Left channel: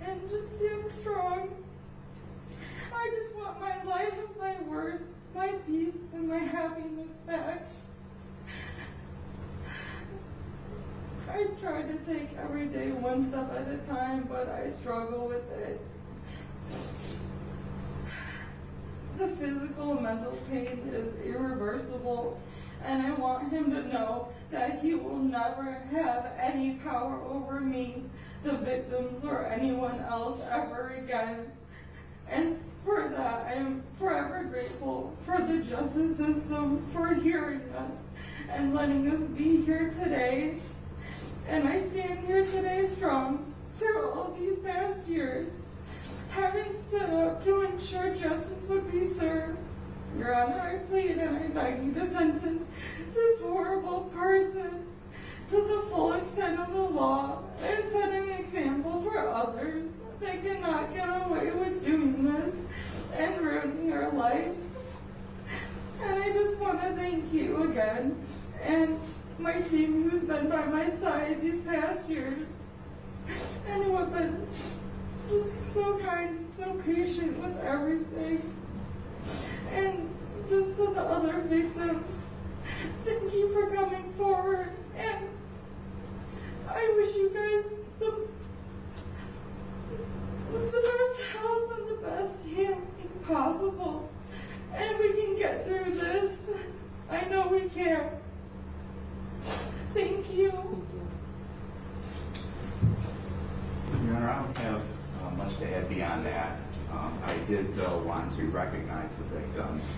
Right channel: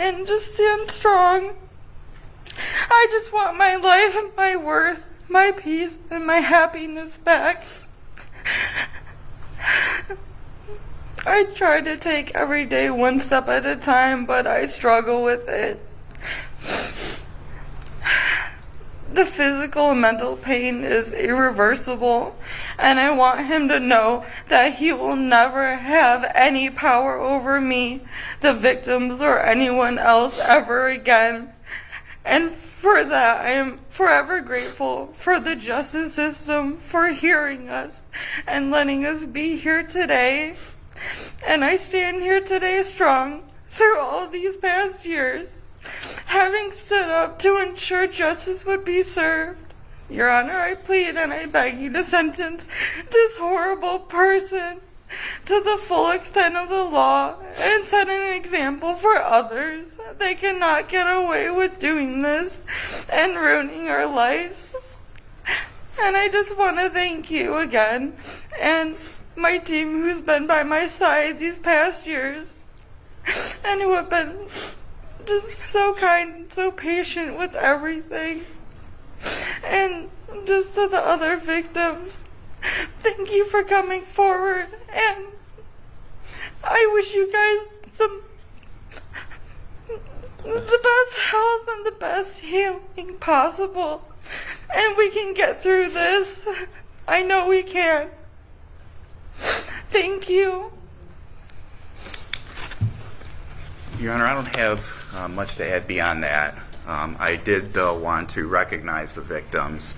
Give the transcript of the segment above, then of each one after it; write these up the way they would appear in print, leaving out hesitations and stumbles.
and just stand strong. I just want my life, my worth, my peace, and my happiness back. I try to take every day one step at a time, but I struggle with it. The physical and mental pain is irreversible, and I want him to know that he will never have any power over me, the victims, or anyone else ever again. And for that, I am forever grateful for the justice system for hearing us and letting us be here today. And I stand here today strong through all these past years, having stood up to ensure justice would be served. Your Honor, I plead and I beg you to sentence this horrible person to the full extent of the law and set an example for others. They cannot get away with doing this and ruining our lives. And I just want to thank you again and my team who's been by my side these past years and who have been just so kind and so patient with everything. And just to the other victims, thank you for coming forward, and I wish you guys the best health and the best healing possible, and we can get through this. I know we can. Thank you. Your Honor, I don't have much to add beyond that. I did, though, want to recognize the victims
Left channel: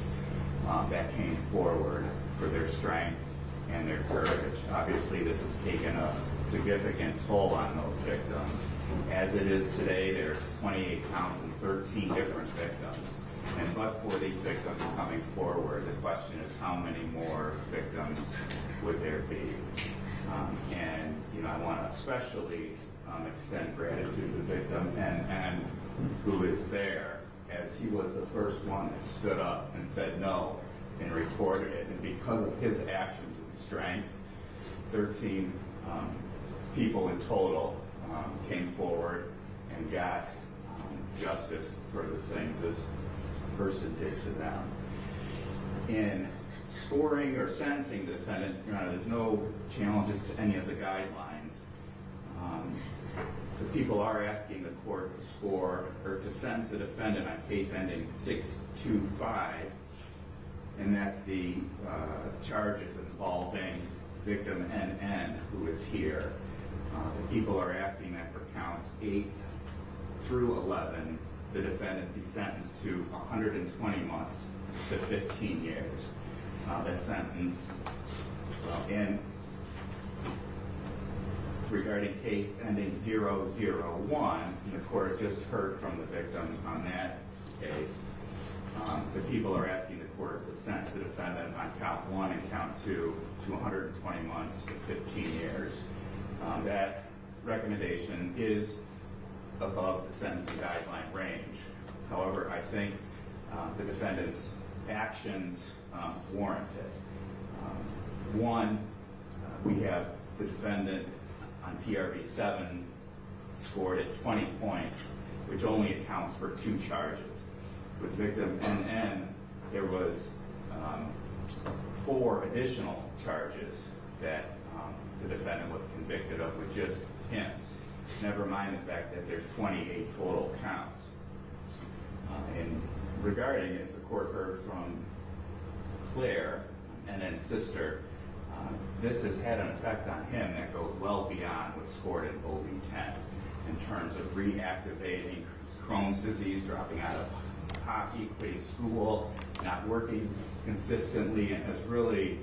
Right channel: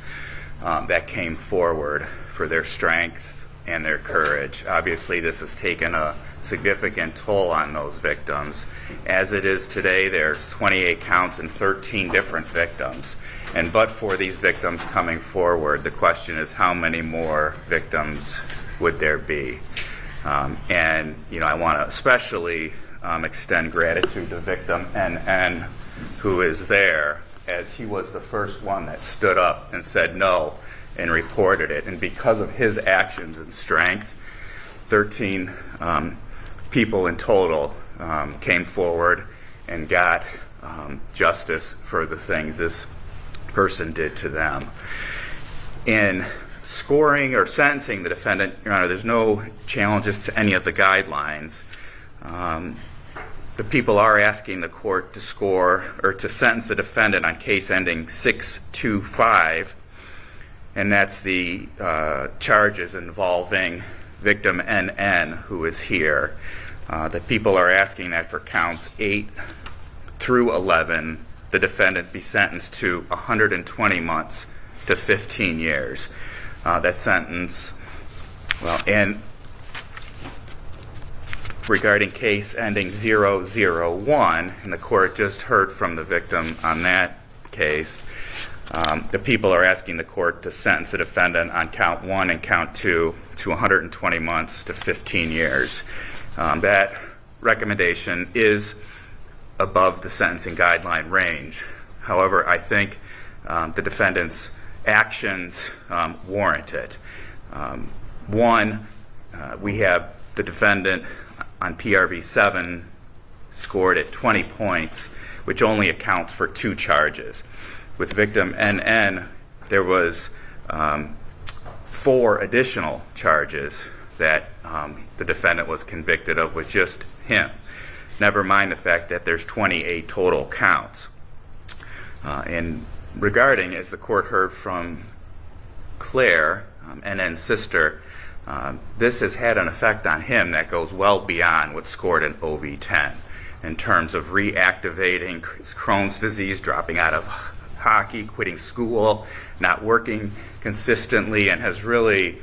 that came forward for their strength and their courage. Obviously, this has taken a significant toll on those victims. As it is today, there's 28 counts and 13 different victims. And but for these victims coming forward, the question is how many more victims would there be? And, you know, I want to especially extend gratitude to victim NN, who is there, as he was the first one that stood up and said no and reported it. And because of his actions and strength, 13 people in total came forward and got justice for the things this person did to them. In scoring or sentencing the defendant, Your Honor, there's no challenges to any of the guidelines. The people are asking the court to score or to sentence the defendant on case ending 625, and that's the charges involving victim NN, who is here. The people are asking that for counts 8 through 11, the defendant be sentenced to 120 months to 15 years. That sentence, well, and regarding case ending 001, and the court just heard from the victim on that case, the people are asking the court to sentence the defendant on count 1 and count 2 to 120 months to 15 years. That recommendation is above the sentencing guideline range. However, I think the defendant's actions warrant it. One, we have the defendant on PRV 7 scored at 20 points, which only accounts for 2 charges. With victim NN, there was 4 additional charges that the defendant was convicted of with just him. Never mind the fact that there's 28 total counts. And regarding, as the court heard from Claire, NN's sister, this has had an effect on him that goes well beyond what's scored in OV10 in terms of reactivating Crohn's disease, dropping out of hockey, quitting school, not working consistently, and has really,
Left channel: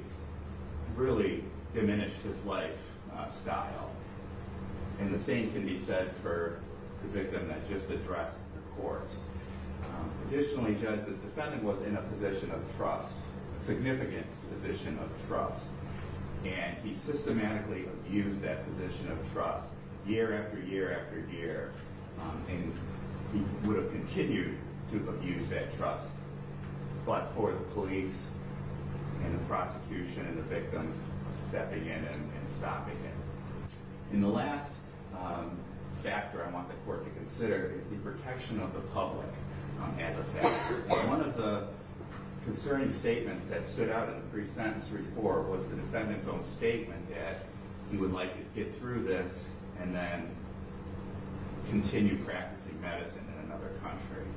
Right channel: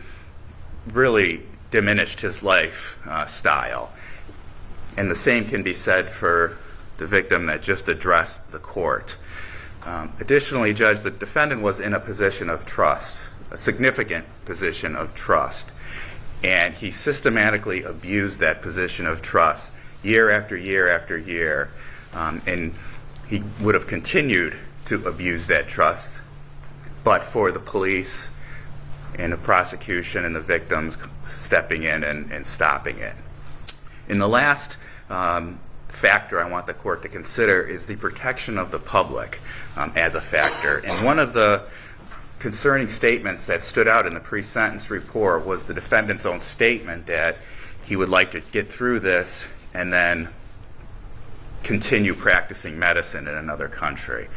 really diminished his lifestyle. And the same can be said for the victim that just addressed the court. Additionally, Judge, the defendant was in a position of trust, a significant position of trust, and he systematically abused that position of trust year after year after year, and he would have continued to abuse that trust but for the police and the prosecution and the victims stepping in and stopping it. In the last fact factor I want the court to consider is the protection of the public as a factor. And one of the concerning statements that stood out in the pre-sentence report was the defendant's own statement that he would like to get through this and then continue practicing medicine in another country.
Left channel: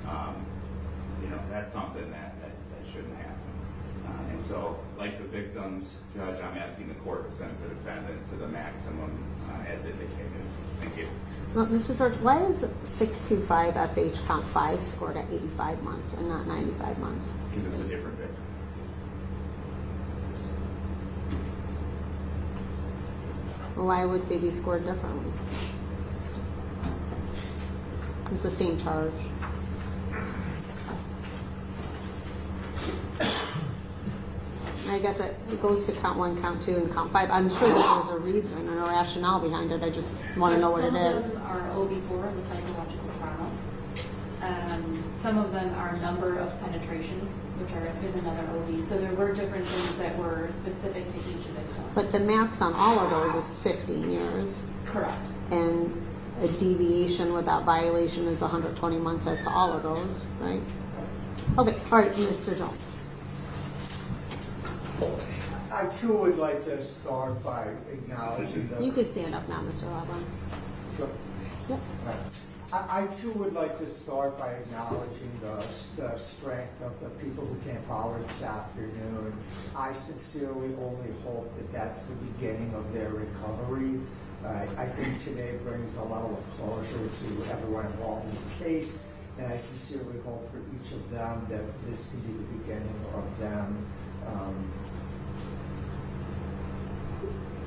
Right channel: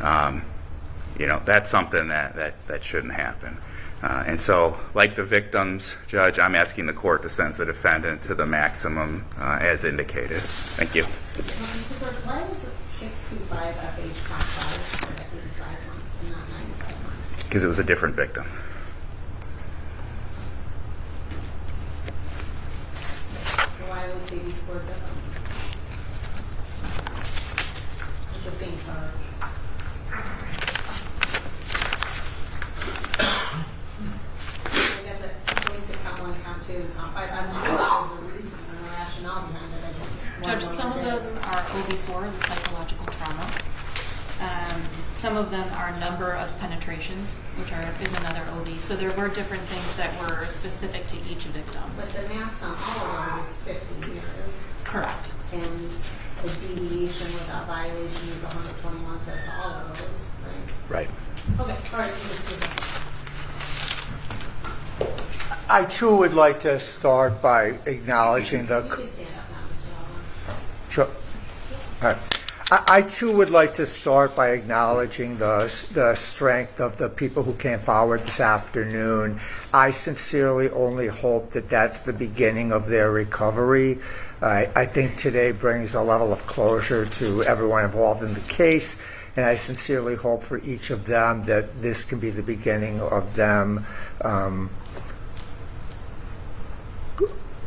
That's something that shouldn't happen. And so, like the victims, Judge, I'm asking the court to sentence the defendant to the maximum as indicated. Thank you. Well, Mr. George, why is 625 FH Comp 5 scored at 85 months and not 95 months? Because it was a different victim. Why would they be scored differently? It's the same charge. I guess it goes to count 1, count 2, and count 5. I'm sure that there's a reason and a rationale behind it. I just want to know what some it of is. them are OB4, the psychological trauma. Some of them are number of penetrations, which is another OB. So there were different things that were specific to each victim. But the max on all of those is 15 years. Correct. And a deviation without violation is 120 months as to all of those, right? Right. Okay, all right, you just did that. I too would like to start by acknowledging You the. can stand up now, Mr. Loveland. Sure. Yep. All right. I too would like to start by acknowledging the strength of the people who came forward this afternoon. I sincerely only hope that that's the beginning of their recovery. I think today brings a level of closure to everyone involved in the case, and I sincerely hope for each of them that this can be the beginning of them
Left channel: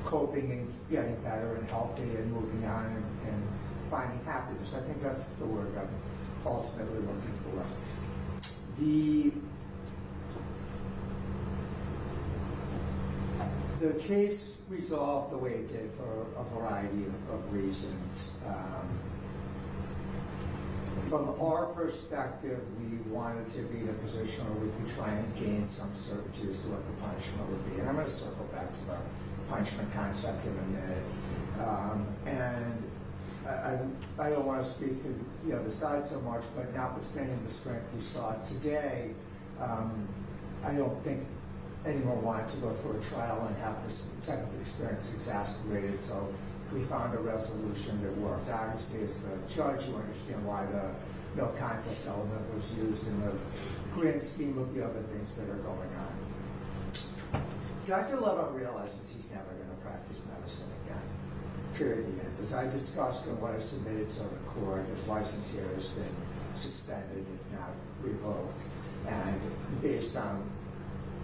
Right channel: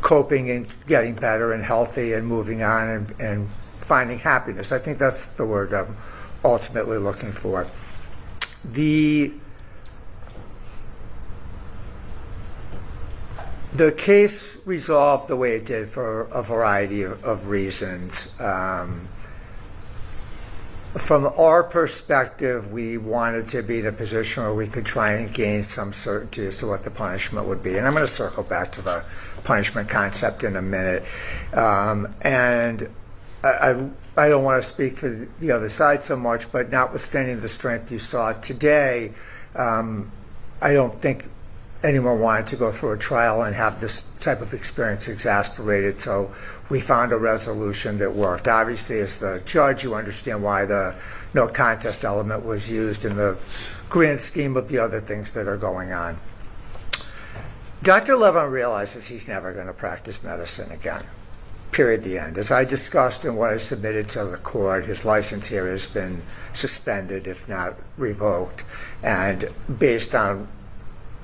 coping and getting better and healthy and moving on and finding happiness. I think that's the word I'm ultimately looking for. The case resolved the way it did for a variety of reasons. From our perspective, we wanted to be in a position where we could try and gain some certainty as to what the punishment would be. And I'm going to circle back to the punishment concept in a minute. And I don't want to speak for the other side so much, but notwithstanding the strength you saw today, I don't think anyone wanted to go through a trial and have this type of experience exasperated, so we found a resolution that worked. Obviously, as the judge, you understand why the no contest element was used in the grand scheme of the other things that are going on. Dr. Levin realizes he's never going to practice medicine again. Period, the end. As I discussed in what I submitted to the court, his license here has been suspended, if not revoked, and based on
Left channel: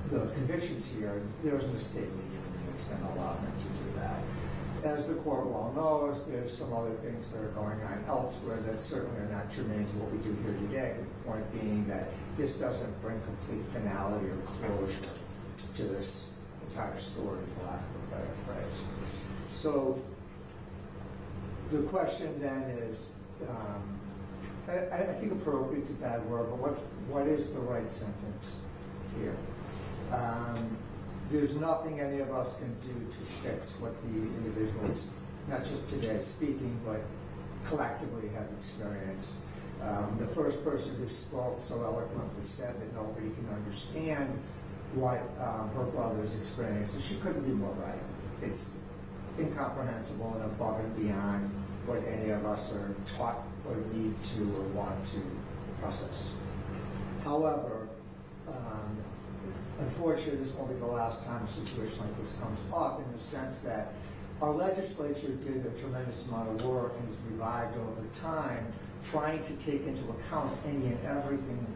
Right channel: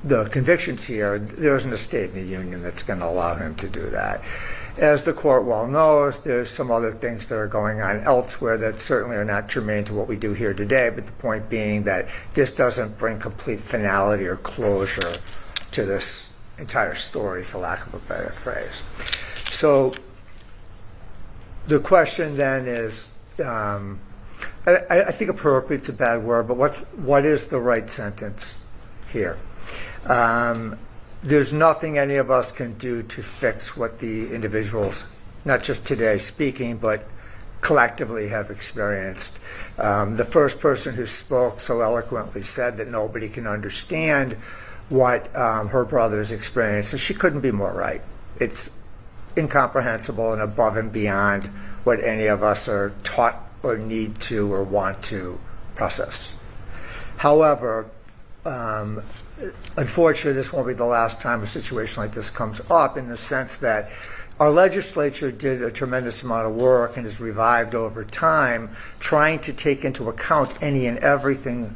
the convictions here, there isn't a state in the union that's going to allow him to do that. As the court well knows, there's some other things that are going on elsewhere that certainly are not germane to what we do here today, but the point being that this doesn't bring complete finality or closure to this entire story, for lack of a better phrase. So the question then is, I think appropriate's a bad word, but what is the right sentence here? There's nothing any of us can do to fix what the individuals, not just today speaking, but collectively have experienced. The first person who spoke so eloquently said that nobody can understand what her brother's experienced, so she couldn't be more right. It's incomprehensible and above and beyond what any of us are taught or need to or want to process. However, unfortunately, this won't be the last time a situation like this comes up, in the sense that our legislature did a tremendous amount of work and has revived over time, trying to take into account any and everything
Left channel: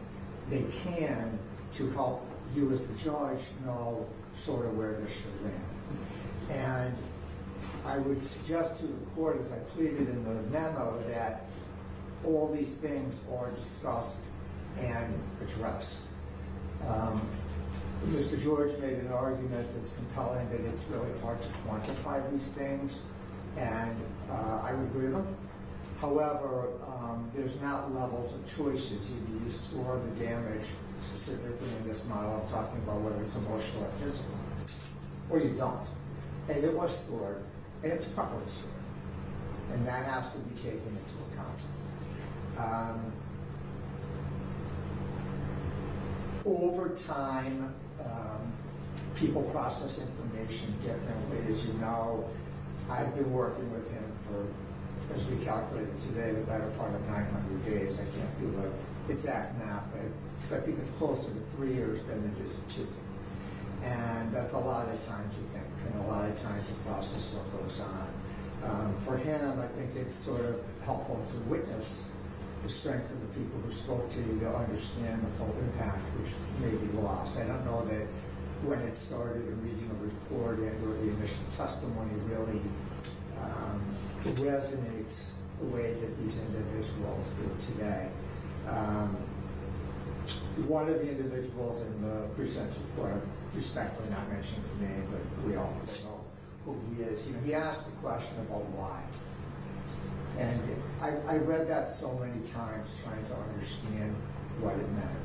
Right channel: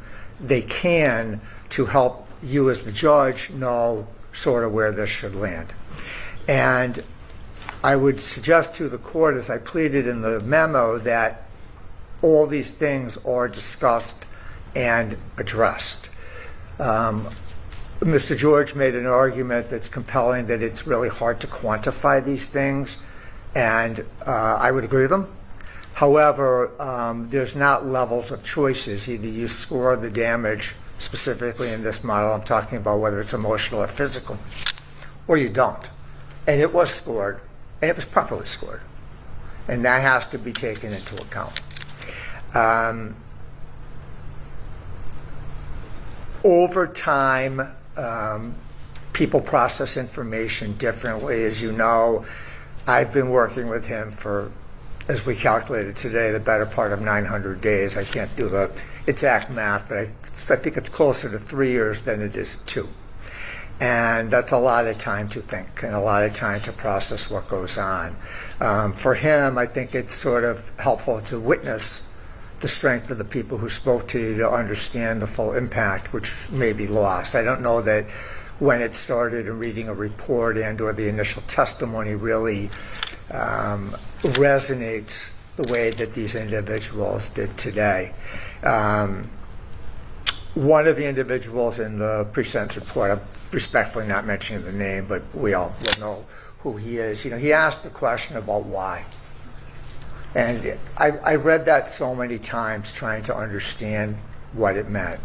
they can to help you as the judge know sort of where this should land. And I would suggest to the court, as I pleaded in the memo, that all these things are discussed and addressed. Mr. George made an argument that's compelling, that it's really hard to quantify these things, and I would agree with him. However, there's not levels of choices. Either you score the damage, specifically in this model, I'm talking about whether it's emotional or physical, or you don't. And it was scored, and it was properly scored. And that has to be taken into account. Over time, people process information differently. As you know, I've been working with him for, as we calculated today, the better part of 900 days. I can't do the exact math, but I think it's closer to 3 years than it is 2. And that's a lot of time to think and a lot of time to process what goes on. For him, I think it's sort of helpful to witness the strength of the people who spoke to you to understand the full impact, which may be lost. I don't know that when it started reading a report and or the initial testimony really resonates the way that these individuals did today. One of the individuals in the pre-sentence report, I'm respectfully not mentioning the name, but we all will know who he is. You know, he asked the question about why. And I read that so many times trying to understand what it meant.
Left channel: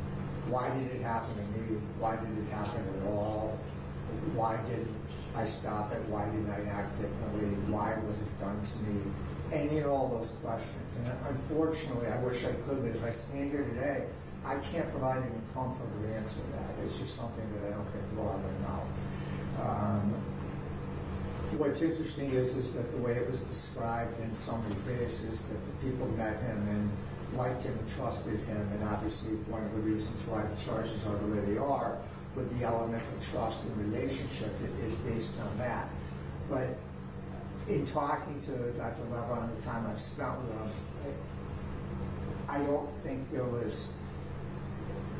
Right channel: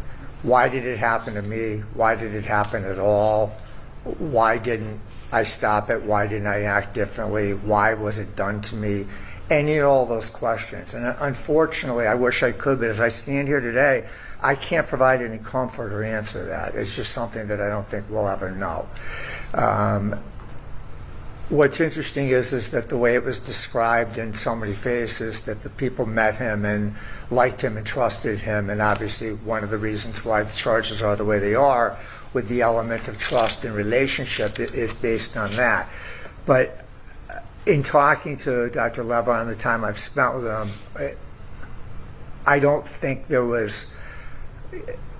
Why did it happen to me? Why did it happen at all? Why didn't I stop it? Why didn't I act differently? Why was it done to me? Any and all those questions. And unfortunately, I wish I could, but as I stand here today, I can't provide any comfort or answer to that. It's just something that I don't think we'll ever know. What's interesting is that the way it was described in so many faces, that the people met him and liked him and trusted him, and obviously one of the reasons why the charges are the way they are, with the element of trust and relationship, is based on that. But in talking to Dr. Levon, the time I've spent with him, I don't think there was,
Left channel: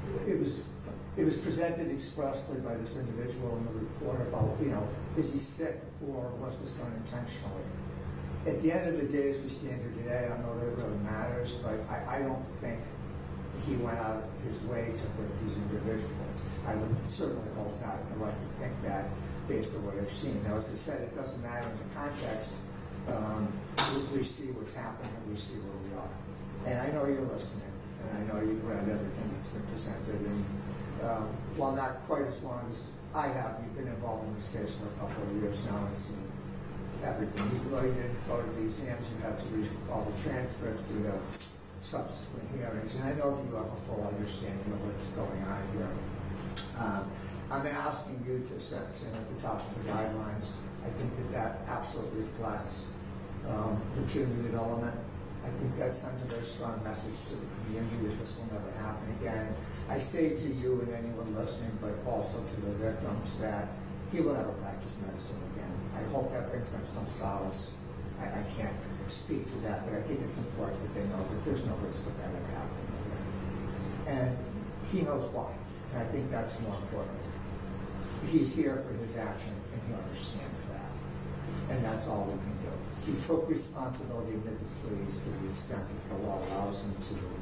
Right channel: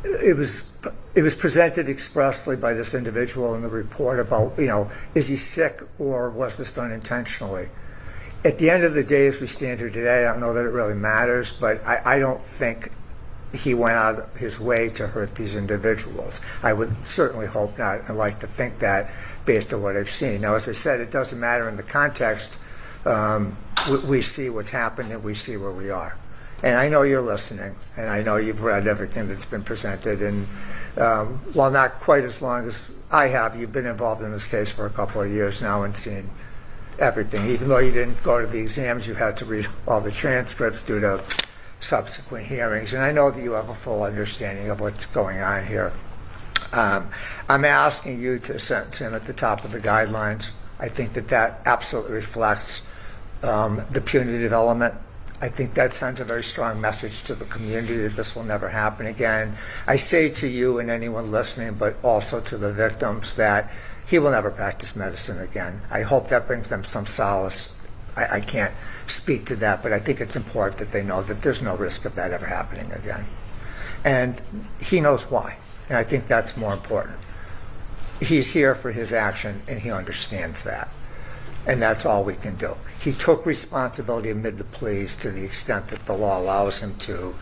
it was presented expressly by this individual in the report about, you know, is he sick or was this done intentionally? At the end of the day, as we stand here today, I don't know that it really matters, but I don't think he went out of his way to hurt these individuals. I would certainly hope not and like to think that based on what I've seen. Now, as I said, it doesn't matter in the context. We see what's happened and we see where we are. And I know you're listening, and I know you've read everything that's been presented. And while not quite as long as I have, you've been involved in this case for a couple of years now and seen everything. Even though you didn't go to the exams, you had to read all the transcripts due to subsequent hearings. And I know that you have a full understanding of what's going on here. I'm asking you to sentence him at the top of the guidelines. I think that absolutely reflects the punitive element. I think that sends a very strong message to the community that this will never happen again. I say to you and anyone listening, but also to the victims, that he will never practice medicine again. I hope that brings them some solace. I can't speak to that, but I think it's important that they know that there's no risk of that ever happening again. And he knows why, and I think that's more important. He's here for his action, and he understands that. And that's all we can do. He took responsibility amid the pleas to the extent that the law allows him to,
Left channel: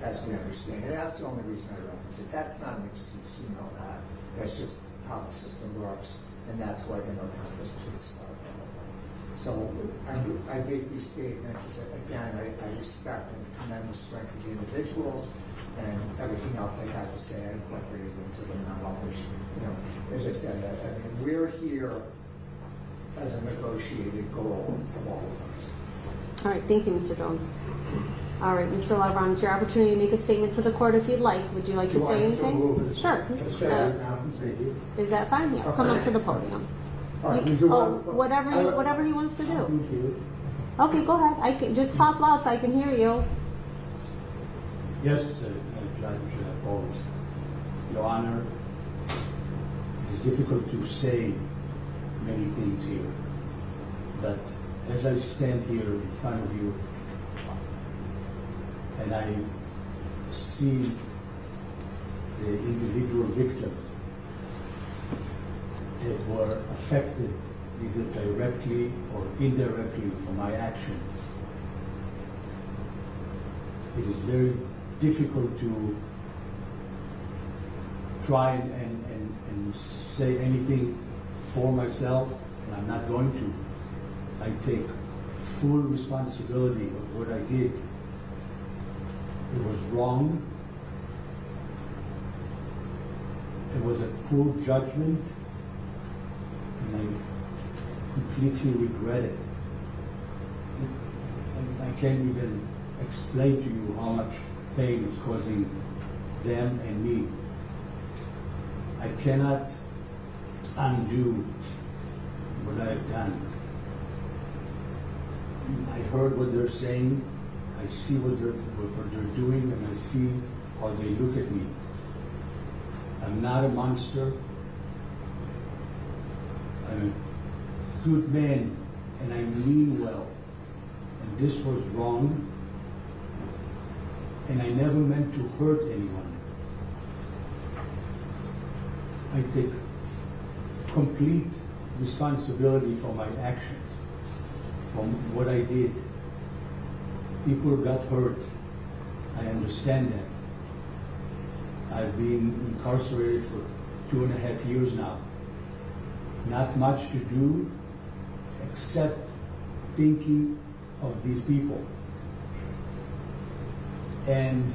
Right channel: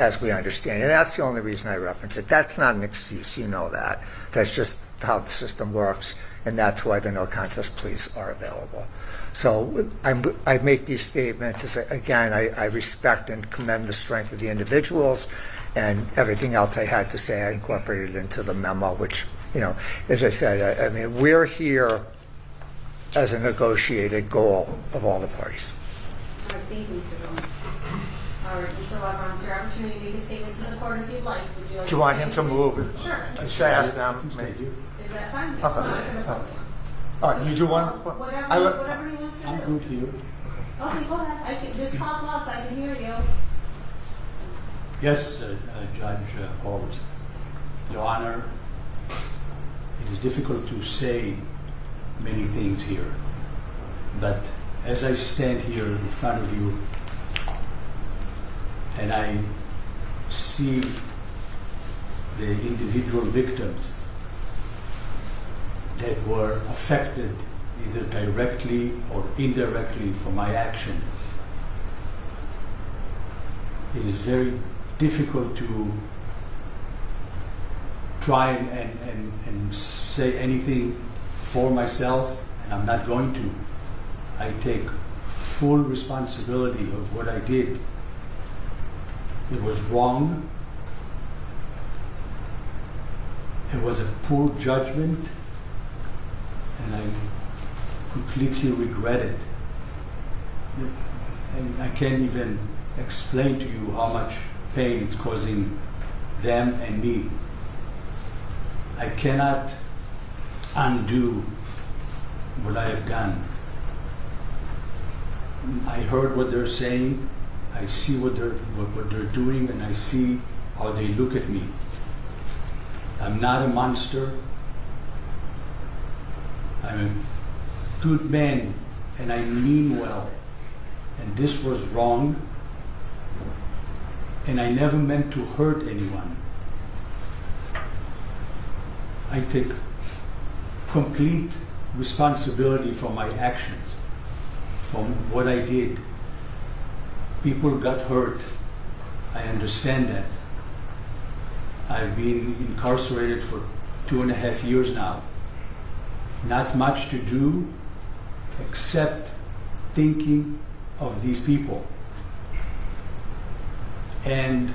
as we understand. And that's the only reason I reference it. That's not an excuse, you know that. That's just how the system works, and that's why the no contest pleas are available. So I make these statements, again, I respect and commend the strength of the individuals, and everything else I had to say I incorporated into the memo, which, you know, as I said, I mean, we're here as a negotiated goal of all the parties. All right, thank you, Mr. Jones. All right, Mr. Levon, it's your opportunity to make a statement to the court if you'd like. Would you like Do you to want say him to anything? move? Sure. Should I ask them? Is that fine? Yeah, come up to the podium. You do want Whatever he wants to do. I'm good here. Okay, go ahead. I can just talk loud so I can hear you. Yes, Judge Holmes. Your Honor, it is difficult to say many things here, but as I stand here in front of you and I see the individual victims that were affected either directly or indirectly from my action, it is very difficult to try and say anything for myself, and I'm not going to. I take full responsibility of what I did. It was wrong. It was a poor judgment, and I completely regret it. and I can't even explain to you how much pain it's causing them and me. I cannot undo what I have done. I heard what they're saying, I see what they're doing, and I see how they look at me. I'm not a monster. I'm a good man, and I mean well. And this was wrong, and I never meant to hurt anyone. I take complete responsibility for my actions, from what I did. People got hurt. I understand that. I've been incarcerated for 2.5 years now. Not much to do except thinking of these people and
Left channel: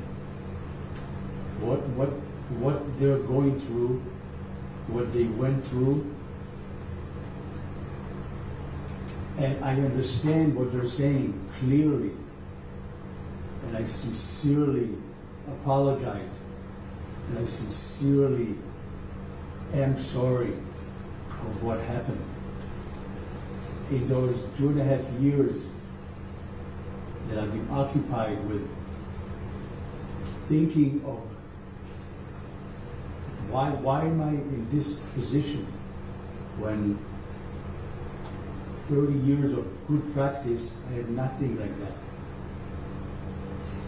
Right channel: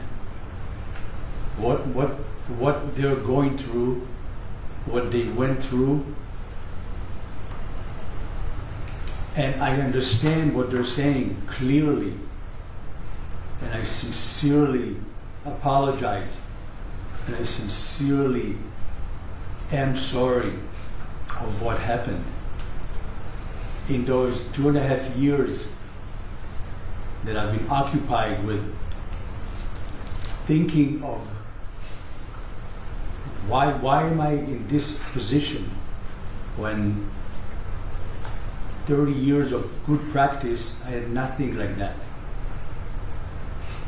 what they're going through, what they went through. And I understand what they're saying clearly, and I sincerely apologize, and I sincerely am sorry of what happened. In those 2.5 years that I've been occupied with thinking of why am I in this position when 30 years of good practice, I had nothing like that.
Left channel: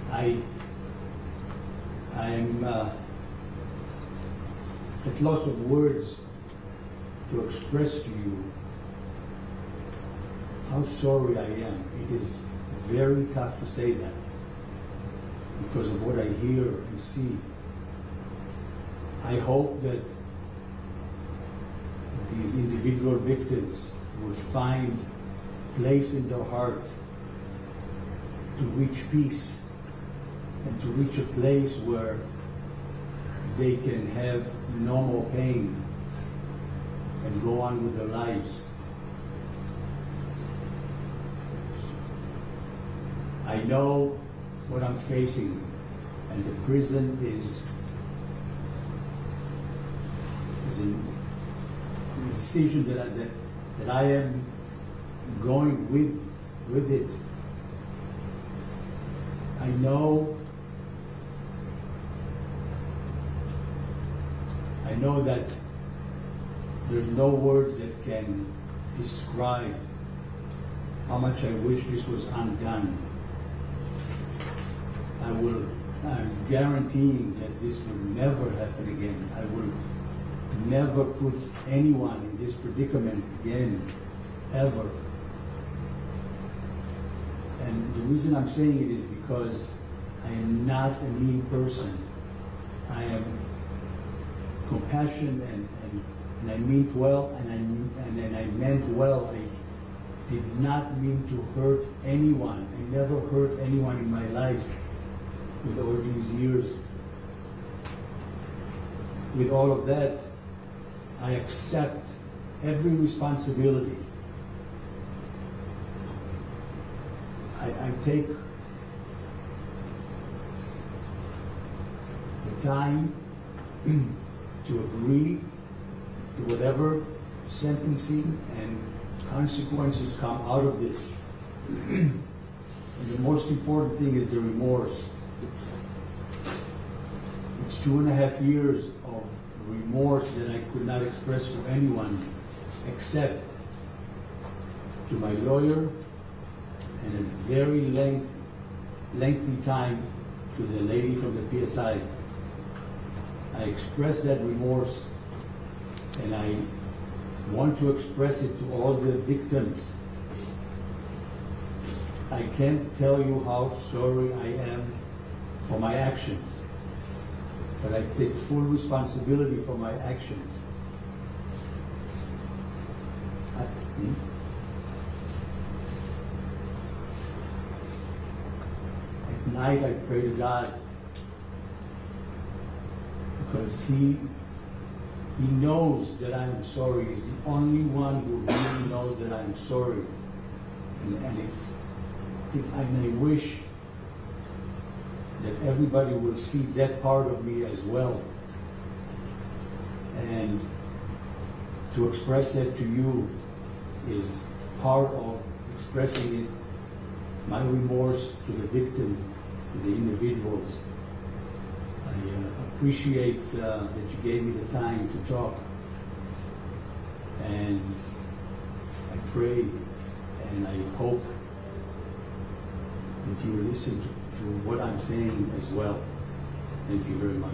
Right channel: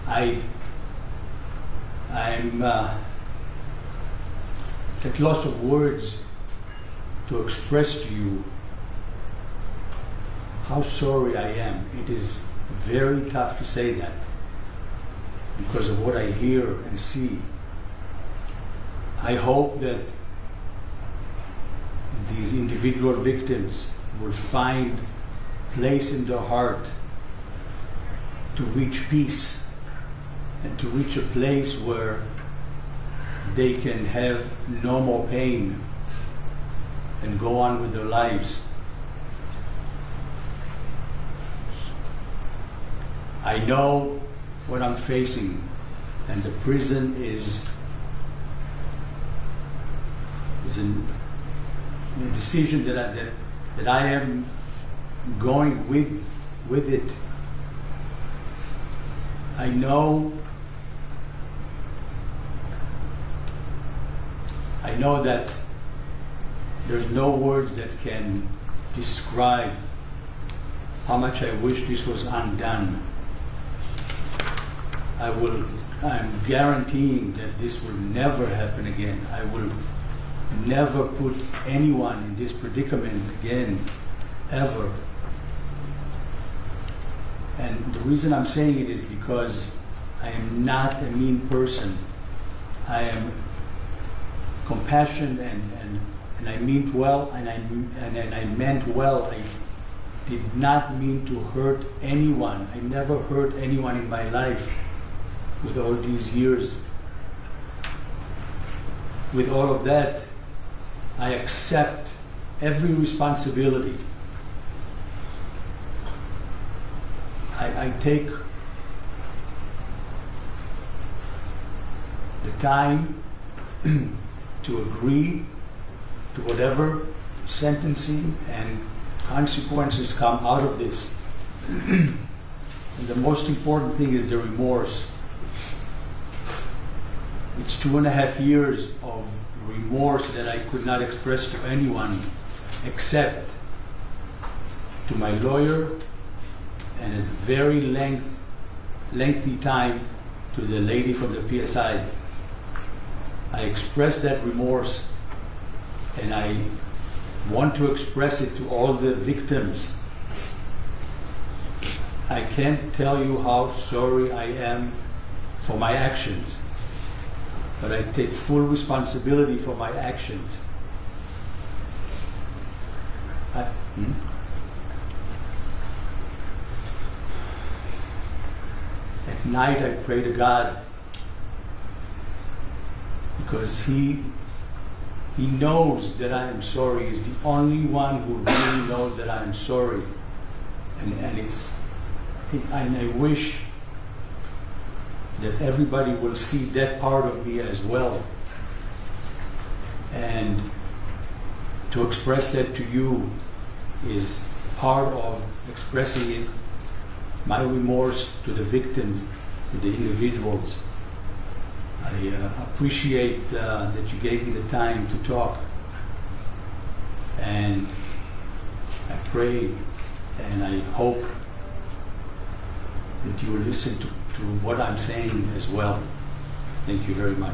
I'm at loss of words to express to you how sorry I am. It is very tough to say that because of what I hear and see. I hope that these individual victims will find place in their heart to reach peace and to reach a place where they can have no more pain and go on with their lives. I know what I'm facing, and the prison is a decision that I am going with it. I know that there's no words that can describe how much I wish this was undone. I'm guaranteeing that this will never happen again. I will never put anyone in this predicament again, ever. And the reason I'm saying it is because I am not a mean person. I am compassionate and I meant well, and I meant well. I did not mean to hurt anyone. I never hurt anyone in my life with all these years. With all of that, I accept every responsibility. I take the time to agree to whatever sentencing and consequences come out of this. And the most important thing is the remorse. It's 2.5 years of remorse that I could not express to anyone except to my lawyer, and a very lengthy time to the lady from the PSI. I expressed that remorse, and I want to express it to all the victims. I can't tell you how sorry I am for my actions, but I take full responsibility for my actions. At night I pray to God because He knows that I am sorry. He's the only one who really knows that I am sorry. And And I wish that everybody will see that part of me as well. And to express that to you is part of expressing it, my remorse to the victims, to the individuals. I appreciate that you gave me the time to talk. And I pray and I hope that you will listen to what I'm saying as well. Thank you very much.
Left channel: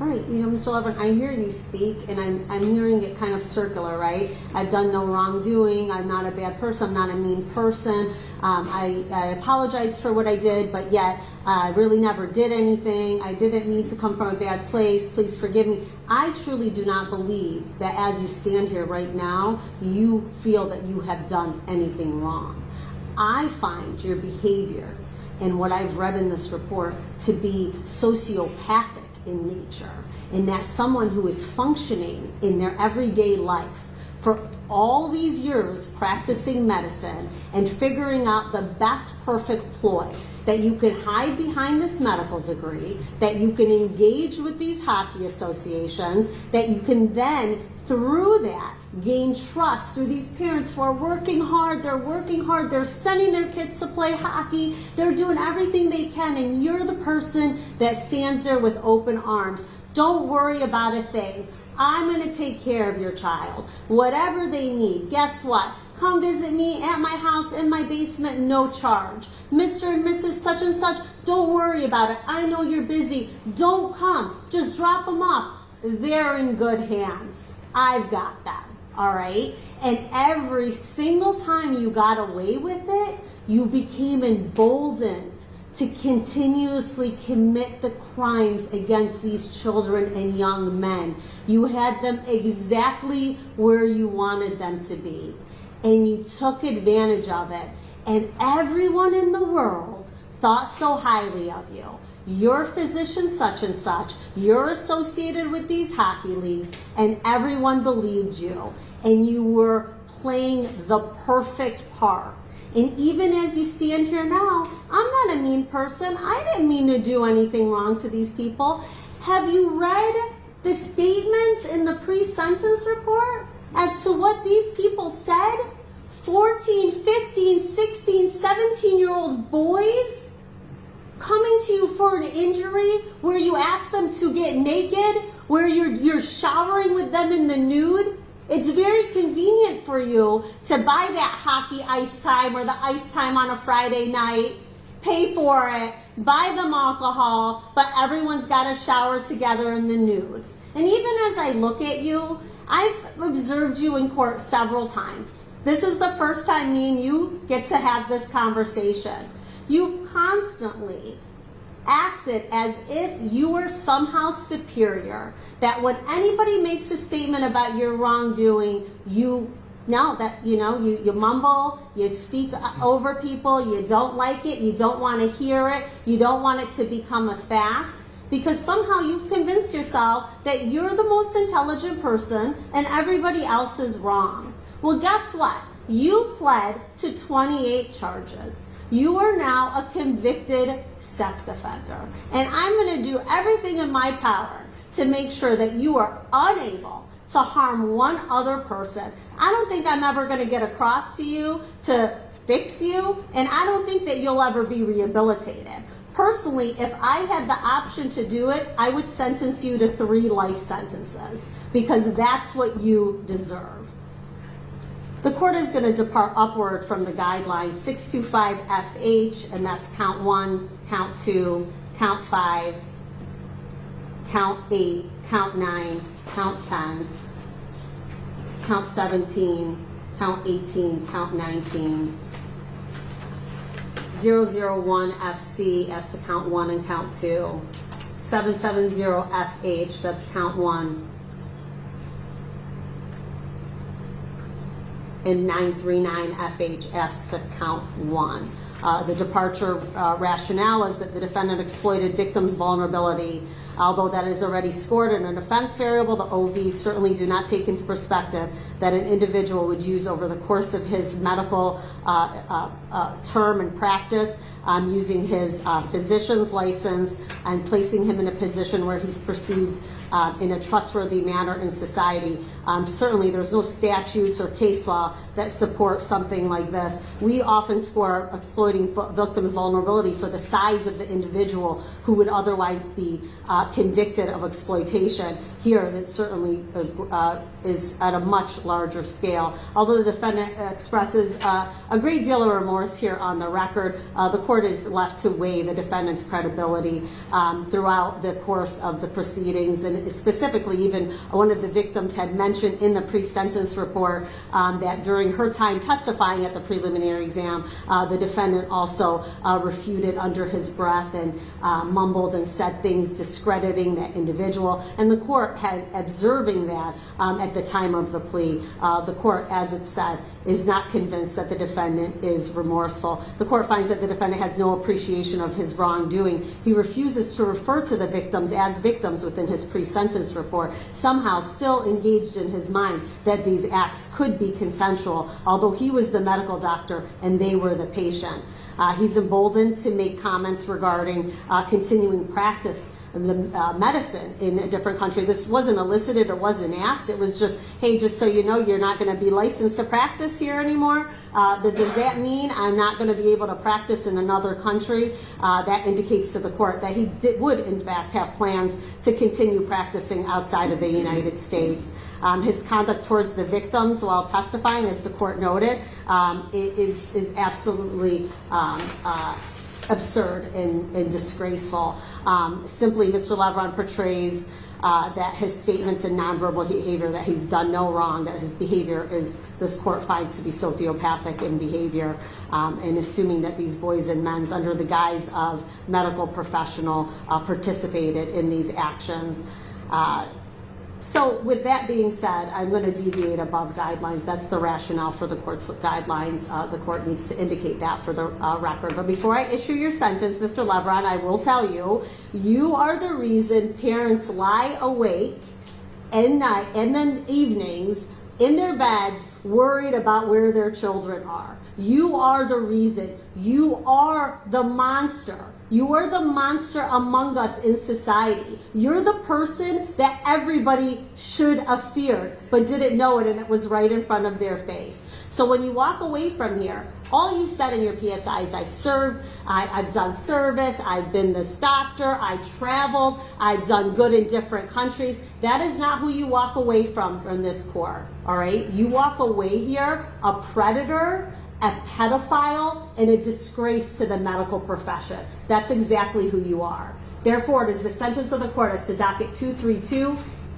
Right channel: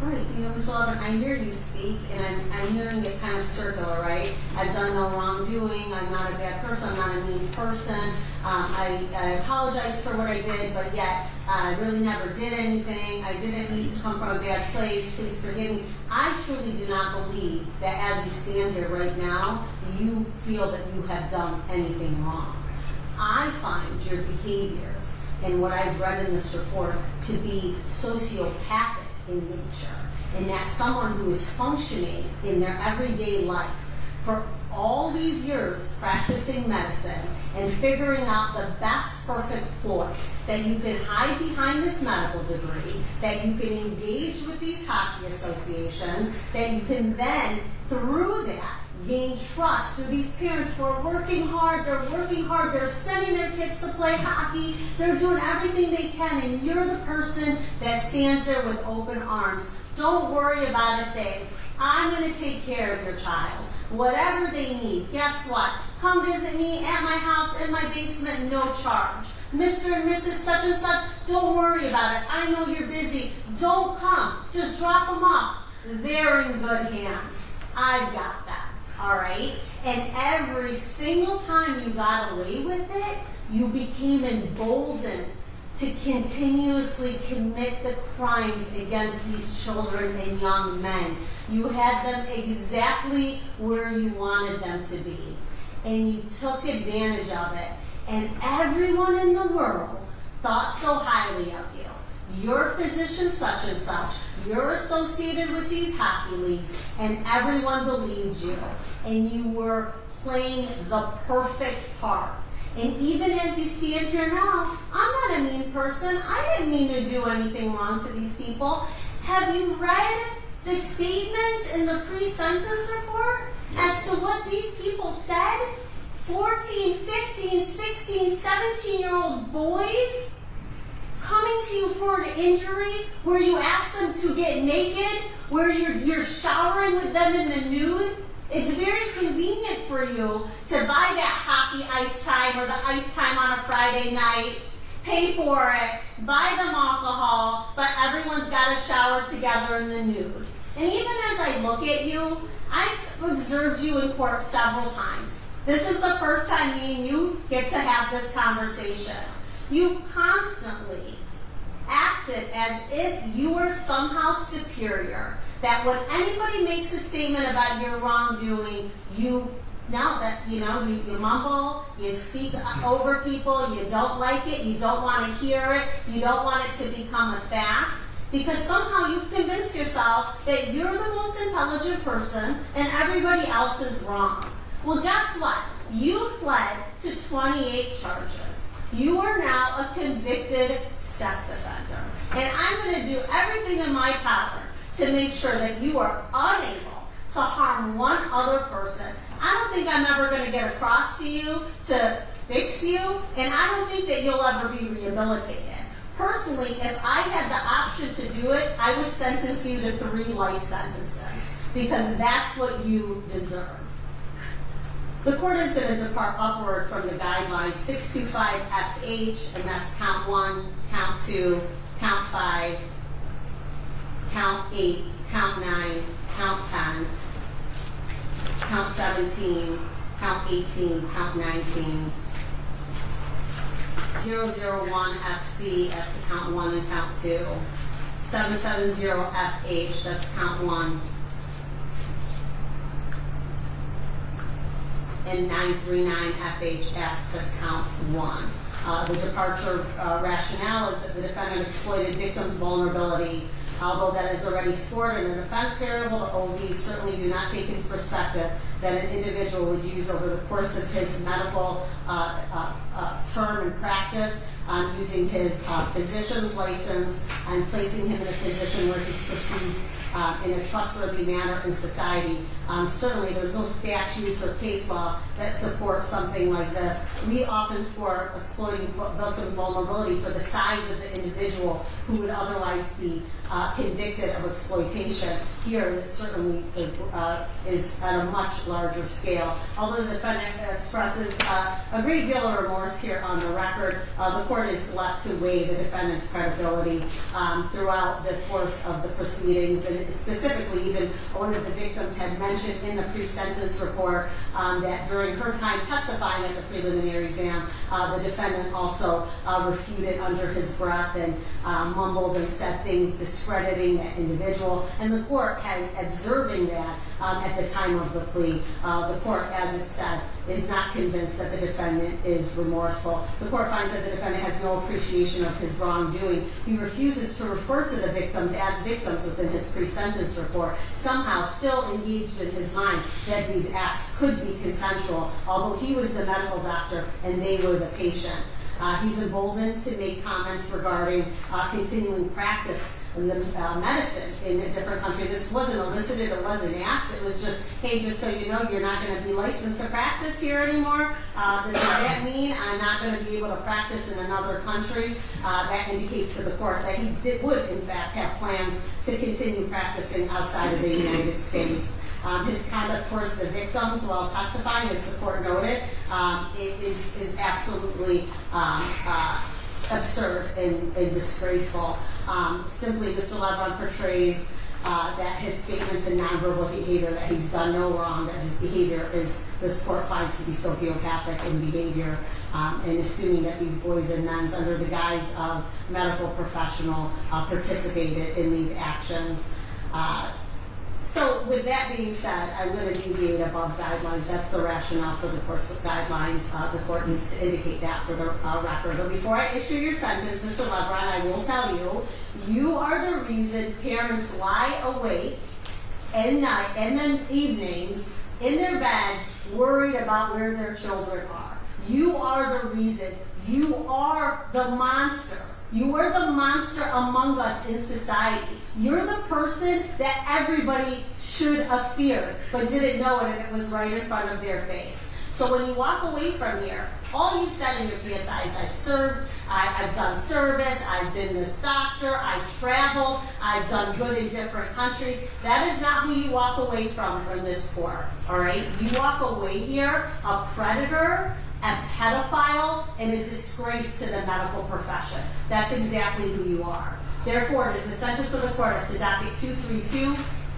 Right, you know, Mr. Levin, I hear you speak, and I'm hearing it kind of circular, right? I've done no wrongdoing, I'm not a bad person, I'm not a mean person, I apologize for what I did, but yet I really never did anything, I didn't need to come from a bad place, please forgive me. I truly do not believe that as you stand here right now, you feel that you have done anything wrong. I find your behaviors and what I've read in this report to be sociopathic in nature, and that someone who is functioning in their everyday life for all these years practicing medicine and figuring out the best perfect ploy that you can hide behind this medical degree, that you can engage with these hockey associations, that you can then through that gain trust through these parents who are working hard, they're sending their kids to play hockey, they're doing everything they can, and you're the person that stands there with open arms. Don't worry about a thing. I'm going to take care of your child. Whatever they need, guess what? Come visit me at my house in my basement, no charge. Mr. and Mrs. such and such, don't worry about it. I know you're busy. Don't come. Just drop them off. They're in good hands. I've got them. All right? And every single time you got away with it, you became emboldened to continuously commit the crimes against these children and young men. You had them exactly where you wanted them to be. And you took advantage of it. And everyone in the world thought so highly of you. You're physician such and such. You're associated with these hockey leagues. And everyone believed you. And you were playing the perfect part. And even as you stand here now, I'm not a mean person. I didn't mean to do anything wrong to these people. Have you read the statement in the pre-sentence report as to what these people said? 14, 15, 16, 17-year-old boys coming to you for an injury where you ask them to get naked, where you're showering with them in the nude. It's very convenient for you to buy that hockey ice time or the ice time on a Friday night, pay for it, buy them alcohol, but everyone's got to shower together in the nude. And even as I look at you, I've observed you in court several times. This is the first time me and you get to have this conversation. You constantly acted as if you were somehow superior. That when anybody makes a statement about your wrongdoing, you mumble, you speak over people, you don't like it, you don't want to hear it, you don't want it to become a fact, because somehow you've convinced yourself that you're the most intelligent person and everybody else is wrong. Well, guess what? You pled to 28 charges. You are now a convicted sex offender. And I'm going to do everything in my power to make sure that you are unable to harm one other person. I don't think I'm ever going to get across to you to fix you, and I don't think that you'll ever be rehabilitated. Personally, if I had the option to do it, I would sentence you to 3 life sentences, because that's what you deserve. The court is going to depart upward from the guidelines 625FH, and that's count 1, count 2, count 5, count 8, count 9, count 10, count 17, count 18, count 19, 001FC as to count 1 and count 2, 770FH, that's count 1, and 939FH as to count 1. The departure rationale is that the defendant exploited victim's vulnerability. Although that is already scored in an offense variable, the OVs certainly do not take into perspective that an individual would use over the course of his medical term and practice, using his physician's license and placing him in a position where he's perceived in a trustworthy manner in society. Certainly there's no statutes or case law that support something like this. We often score exploiting victims' vulnerability for the size of the individual who would otherwise be convicted of exploitation. Here, it certainly is at a much larger scale. Although the defendant expresses a great deal of remorse here on the record, the court is left to weigh the defendant's credibility throughout the course of the proceedings, and specifically even one of the victims had mentioned in the pre-sentence report that during her time testifying at the preliminary exam, the defendant also refuted under his breath and mumbled and said things discrediting that individual. And the court had observing that at the time of the plea. The court, as it said, is not convinced that the defendant is remorseful. The court finds that the defendant has no appreciation of his wrongdoing. He refuses to refer to the victims as victims within his pre-sentence report, somehow still engaged in his mind that these acts could be consensual, although he was the medical doctor and they were the patient. He's emboldened to make comments regarding continuing practice in the medicine in a different country. This wasn't elicited or wasn't asked. It was just, hey, just so you know, you're not going to be licensed to practice here anymore. But does that mean I'm not going to be able to practice in another country? That indicates to the court that he would, in fact, have plans to continue practicing outside of the United States. His conduct towards the victims while testifying, as the court noted, is absolutely absurd and disgraceful. Simply, Mr. Lebron portrays that his statements and nonverbal behavior, that he's done no wrong, that his behavior is, this court finds to be sociopathic in behavior, and assuming that these boys and men, under the guise of medical professional, participated in these actions. So with that being said, I'm going to deviate above guidelines. That's the rationale for the court's guidelines. The court needs to indicate that for the record. But before I issue your sentence, Mr. Lebron, I will tell you, you are the reason parents lie awake at night and then evenings in their beds worried about where their children are. You are the reason. You are the monster. You are the monster among us in society. You're the person that everybody should have feared, but didn't know it, and it was right in front of their face. So when you walk away from here, all you've said in your PSI is, I've served, I've done service, I've been this doctor, I've traveled, I've done good in different countries. That is not who you walk away from in this court, all right? You walk away here a predator, a pedophile, and a disgrace to the medical profession. That's exactly who you are. Therefore, it is the sentence of the court as to docket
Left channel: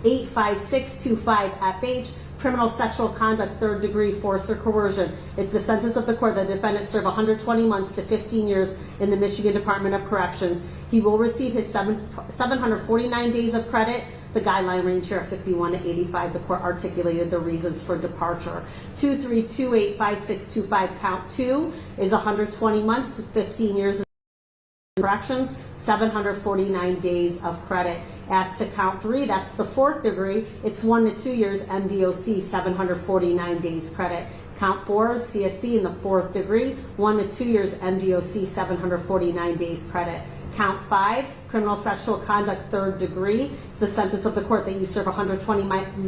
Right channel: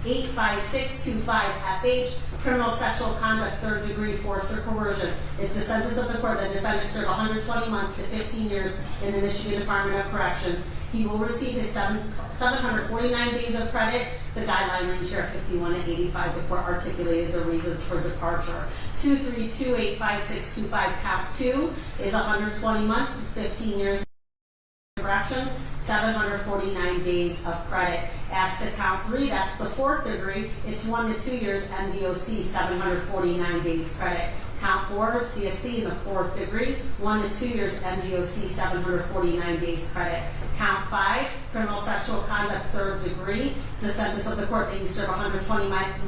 232-85625FH, criminal sexual conduct, third degree force or coercion. It's the sentence of the court that the defendant serve 120 months to 15 years in the Michigan Department of Corrections. He will receive his 749 days of credit. The guideline range here at 51 to 85. The court articulated the reasons for departure. 232-85625 count 2 is 120 months to 15 years in corrections, 749 days of credit. As to count 3, that's the fourth degree. It's 1 to 2 years MDOC, 749 days credit. Count 4 is CSC in the fourth degree, 1 to 2 years MDOC, 749 days credit. Count 5, criminal sexual conduct, third degree. It's the sentence of the court that you serve 120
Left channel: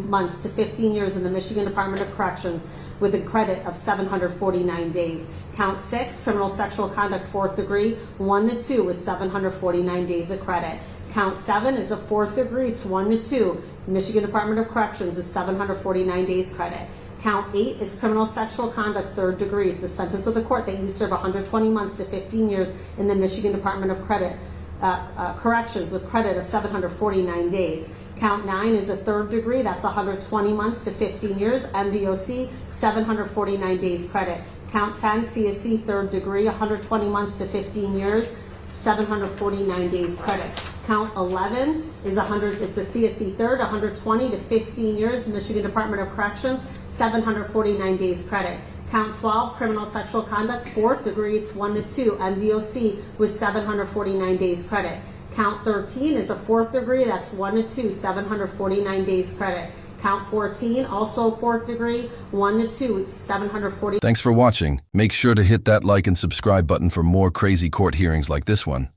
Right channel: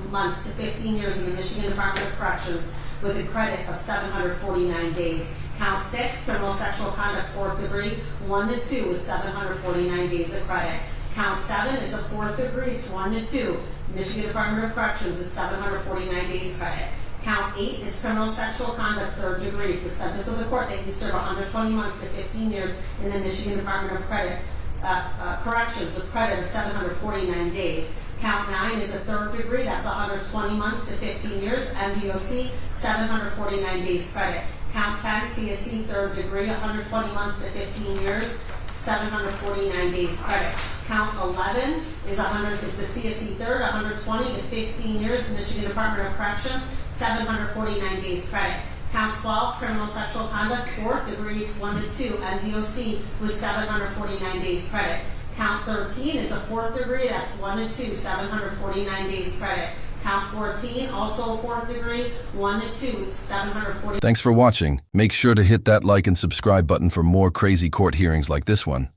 months to 15 years in the Michigan Department of Corrections with a credit of 749 days. Count 6, criminal sexual conduct, fourth degree, 1 to 2 with 749 days of credit. Count 7 is a fourth degree, it's 1 to 2, Michigan Department of Corrections with 749 days credit. Count 8 is criminal sexual conduct, third degree. It's the sentence of the court that you serve 120 months to 15 years in the Michigan Department of Corrections with credit of 749 days. Count 9 is a third degree. That's 120 months to 15 years. MDOC, 749 days credit. Count 10, CSC, third degree, 120 months to 15 years, 749 days credit. Count 11 is it's a CSC third, 120 to 15 years, Michigan Department of Corrections, 749 days credit. Count 12, criminal sexual conduct, 4th degree, it's 1 to 2, MDOC with 749 days credit. Count 13 is a 4th degree, that's 1 to 2, 749 days credit. Count 14, also 4th degree, 1 to 2, it's 740. Thanks for watching. Make sure to hit that like and subscribe button for more crazy court hearings like this one.